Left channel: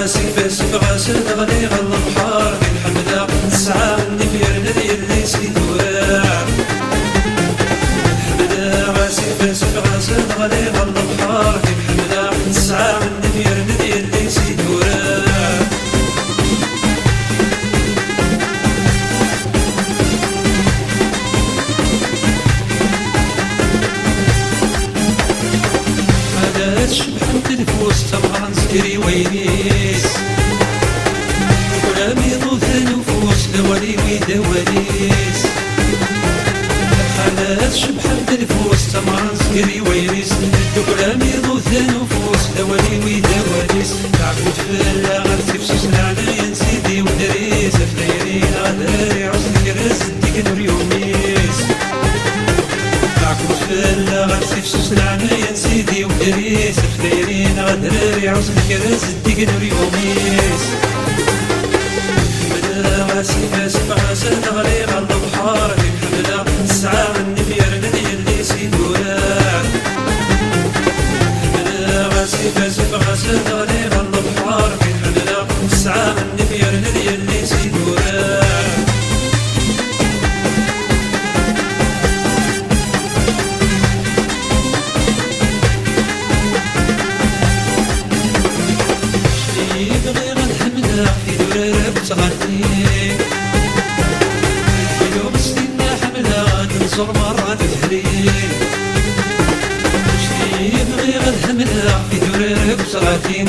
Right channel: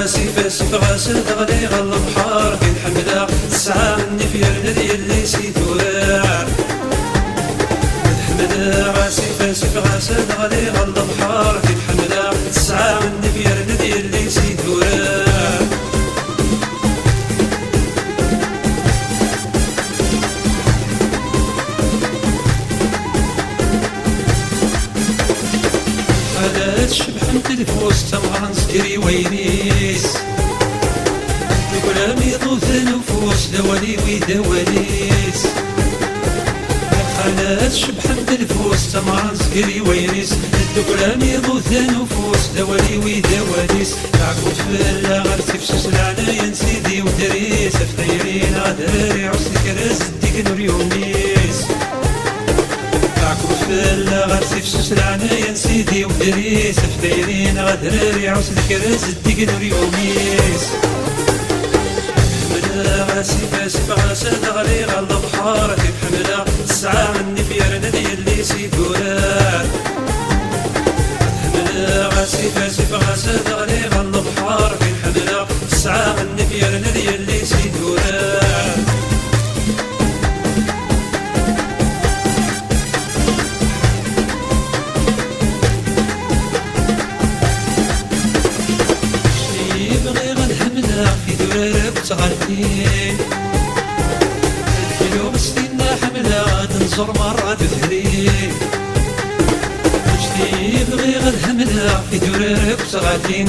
غاسي سيف غاسل غلي غل البحر كي نحمدها الساعة مني في رندي اللي سيد ورار نحمدها غاسي سيف غاسل غلي غل البحر كي نحمدها الساعة مني في رندي اللي سيد ورار خالات شبحن تلفوس تمغرن سكري ويريس كلامي ضوث نفوس دوالي ويدواليس خالات شبحن تلفوس تمغرن سكري ويريس كلامي ضوث نفوس دوالي ويدواليس تعقود فلا غير تفسس العنايا سيدي ودريس فتايرين غدراري عصن كراز ديك نور يوميس تعكوت فلا غير تفسس العنايا سيدي ودريس فتايرين غدراري عصن كراز ديك نور يوميس نحمدها غاسي غاسل غلي غل البحر كي نحمدها الساعة مني في رندي اللي سيد ورار نحمدها غاسي غاسل غلي غل البحر كي نحمدها الساعة مني في رندي اللي سيد ورار بغي غنحمدها في درارك وتغني اليوم ستينا حملها تنصر مرة تثري بغي غنحمدها في درارك وتغني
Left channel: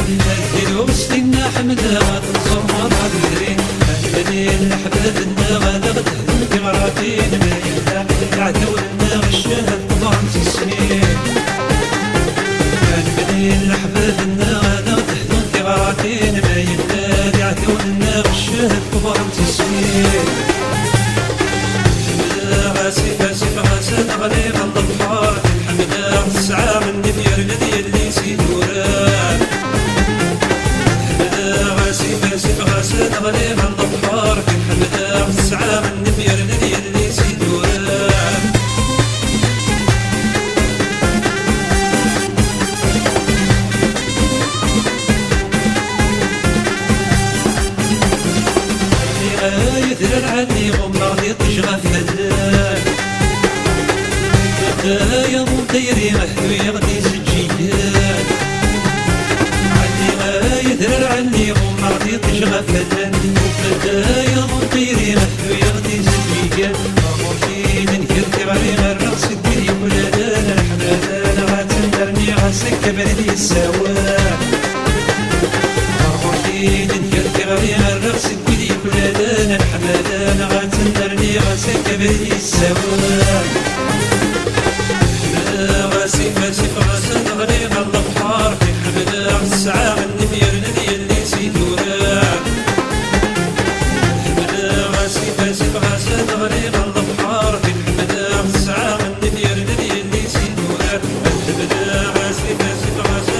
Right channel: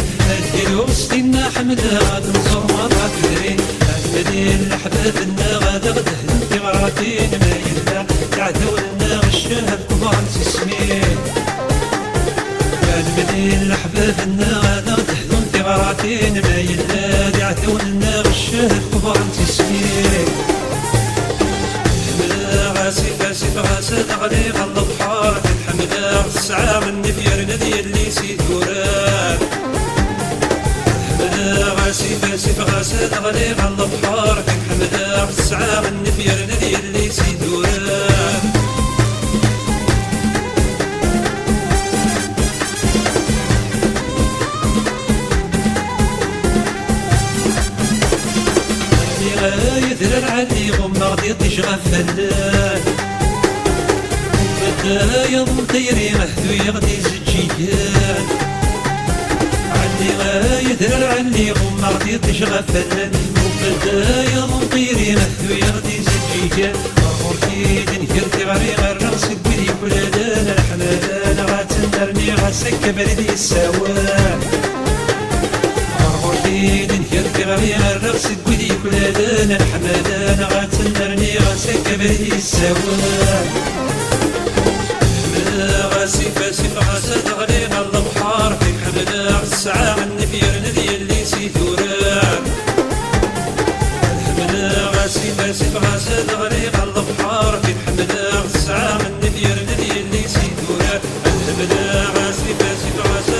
اليوم ستينا حملها تنصر مرة تثري المدين لحبابنا غادا غتهدم في غراتين ما يلا يعتولنا غشاها القمر نسي السنين المدين لحبابنا غادا غتهدم غراتين ما يلا يعتولنا غشاه كبر انت سنين نحمدها غاسي غاسل غلي غل البحر نحمدها الساعة مني في رندي اللي سيد ورار نحمدها غاسي غاسل غلي غل البحر نحمدها الساعة مني في رندي اللي سيد ورار يدرى علي غم غدي تشغى فلان بدا يضم تيري مهدو يغدي زجيان علي يدرى علي غم غدي تشغى فلان وبدا يضم تيري مهدو يغدي زجيان مرمور في دنير تغري غير راسك بيدي ولادان الحمادان غاتندرني غاسك بردي السوان دنيا تغري الرغس كودي كلادان الحمادان غاتندرني غاسك بردي السوان نحمدها غاسي غاسل غلي غل البحر في نحمدها الساعة مني في رندي اللي سيد ورار نحمدها غاسي غاسل غلي غل البحر في نحمدها الساعة مني في رندي اللي سيد ورار نحمدها غاسي غاسل